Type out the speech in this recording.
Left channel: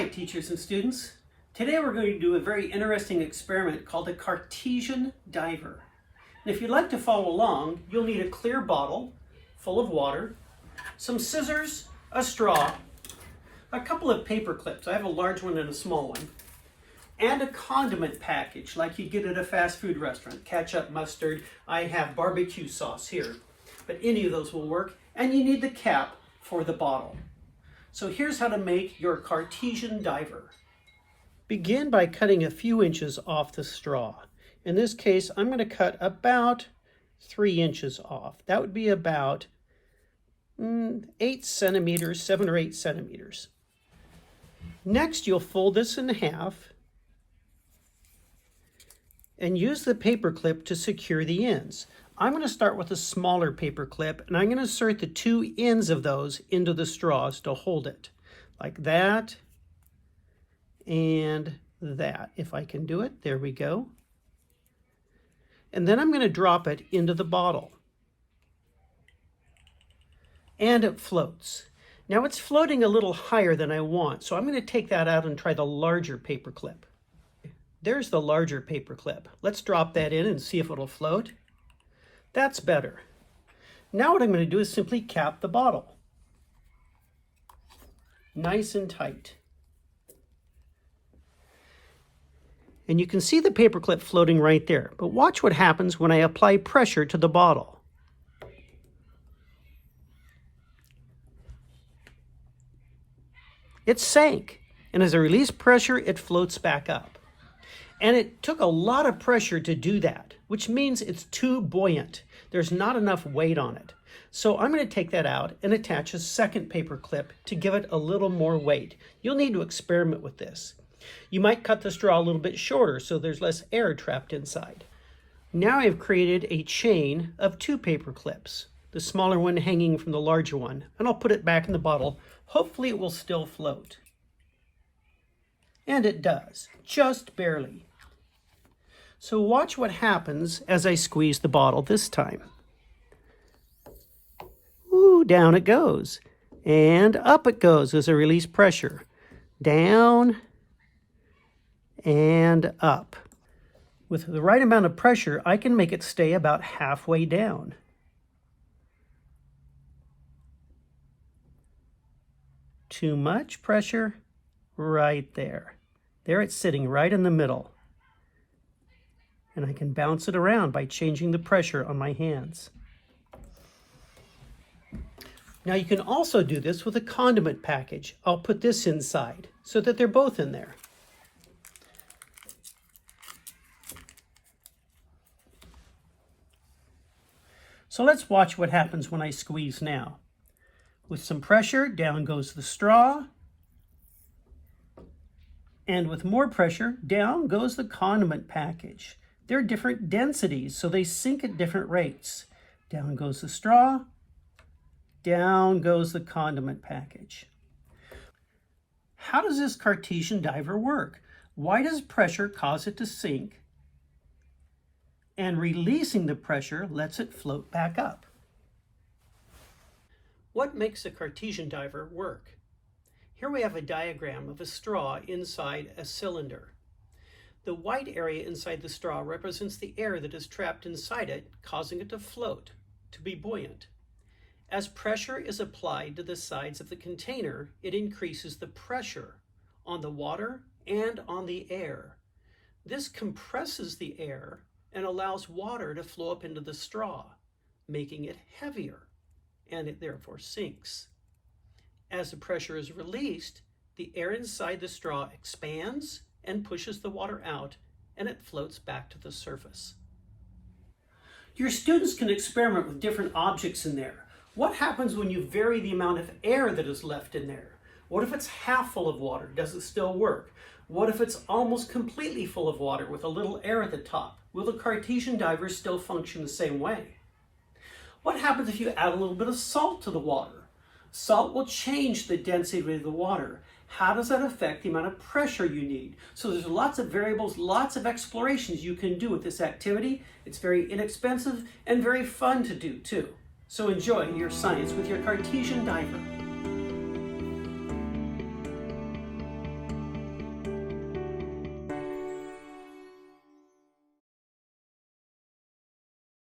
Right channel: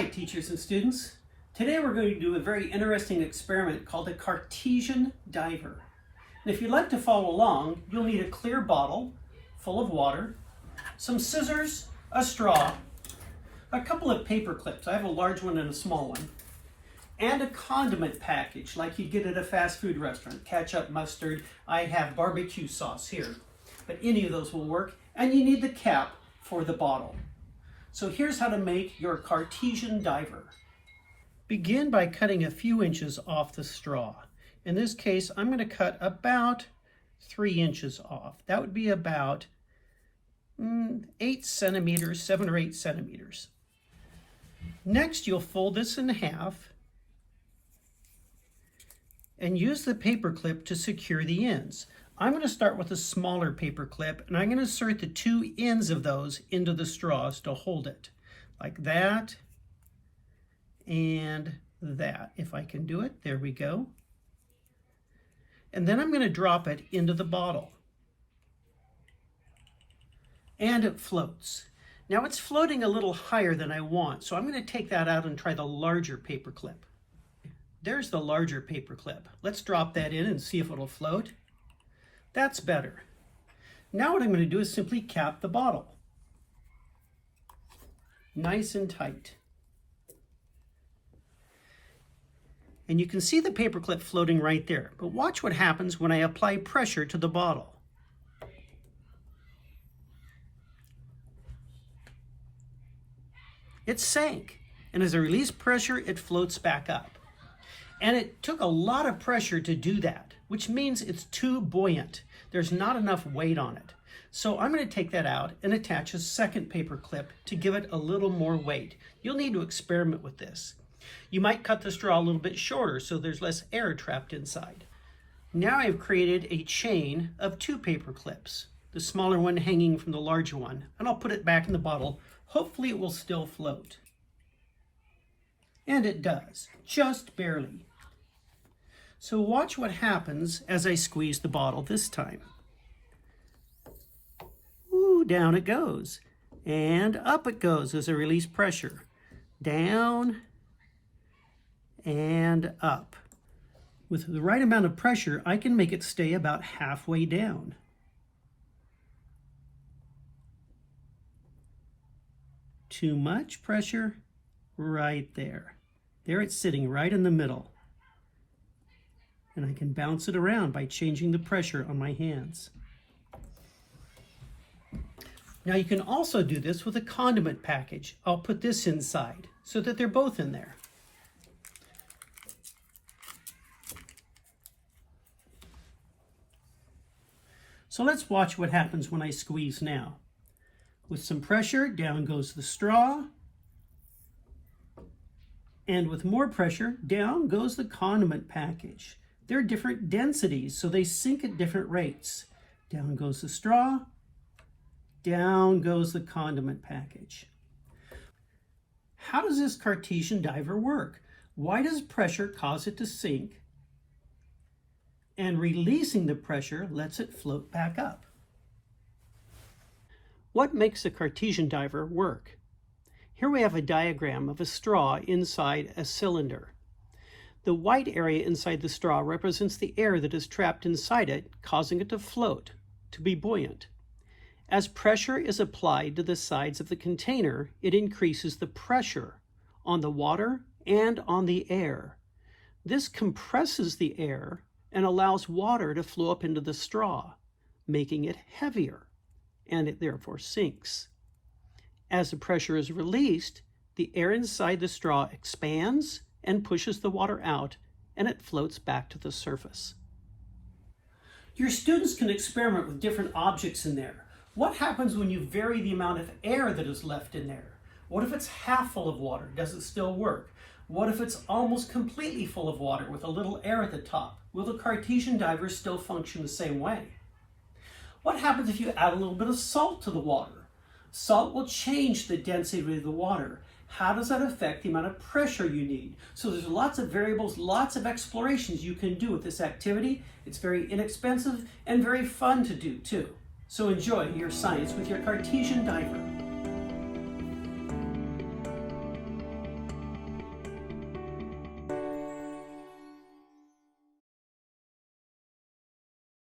Hi teachers and students. Today we're going to do a very interesting experiment called the Cartesian Diver. And if you'd like to follow along, you'll need a clear bottle full of water, some scissors, a straw, a couple of paper clips. I have a large one and a small one, and a condiment package like you get at a fast food restaurant. Ketchup, mustard, I have barbecue sauce here, but any of those will work. And you need the cap for the bottle. So here's how to make your Cartesian Diver. Begin by cutting a few inches off the straw. In this case, I'm going to cut about 3 inches off. That would be about 8 centimeters, 7 or 8 centimeters. Next, you'll fold this in half and use the paper clip to secure the ends. I'm going to start with a smaller paper clip, and I'm going to insert the 2 ends of those into the straws to hold it, like that and that. If I can do it, there we go. And then I'm going to drop it into the bottle. And it floats. Now it's floating a little higher than I want, so I'm going to take that out and try the larger paper clip. There's the larger paper clip. Let's drop that in and see if it'll float. That's better. Now what I'm going to do is simply cap the bottle. Nice and tight. And you can see the paper clip floating right there. But watch what happens when I apply pressure to the bottle. It sank, and as I release pressure, it floats back up. And it took a lot of pressure to do that, which means it's too buoyant. There's not enough weight on it. So I'm going to take that out and attach a second paper clip to give it a little more weight. You'll need to experiment with this. You might cut the straw a little bit shorter so there's less air trapped inside. Now I've created a chain of 2 paper clips, the smaller one hanging from the larger one, and I'll put it back in the bottle. Hopefully it will still float. And it does, just barely. So watch what happens as I squeeze the bottle this time. Ooh, down it goes. And up it goes as I release pressure. Down and up. With the right amount of pressure, I can make it stay about halfway down. Too much pressure, right there. There it's sitting right in the middle. And I can bounce it around by changing the pressure on my hands. Now you can also do this with a condiment package. I'll put this inside so that they're both in there. So let's watch what happens when I squeeze now. With some pressure, down goes the straw. And with more pressure, down goes the condiment package. They're different densities, so they sink at different rates. Down goes the straw, down goes the condiment package. How does this Cartesian Diver work? Why does pressure cause it to sink? And releasing the pressure lets it float back up. What makes a Cartesian Diver work? Here we have a diagram of a straw inside a cylinder. The white area inside the straw represents the air that is trapped inside it, causing it to float, to be buoyant. As pressure is applied to the sides of the container, it increases the pressure on the water and on the air. This compresses the air and allows water to flow up into the straw, making it heavier, and it therefore sinks. As the pressure is released, the air inside the straw expands and pushes the water out, and it floats back to the surface. Your students can experiment with different objects in there. What happens when you vary the amount of air that is left in there? What if it's half full of water? Does it still work? What if it's almost completely full of water with a little air at the top? Will the Cartesian Diver still function the same way? What happens if you add a little bit of salt to the water? Salt will change the density of the water. How does that affect the amount of pressure you need? So there's lots of variables, lots of explorations you can do with this activity. It's very inexpensive and very fun to do too. So enjoy your science with your Cartesian Diver.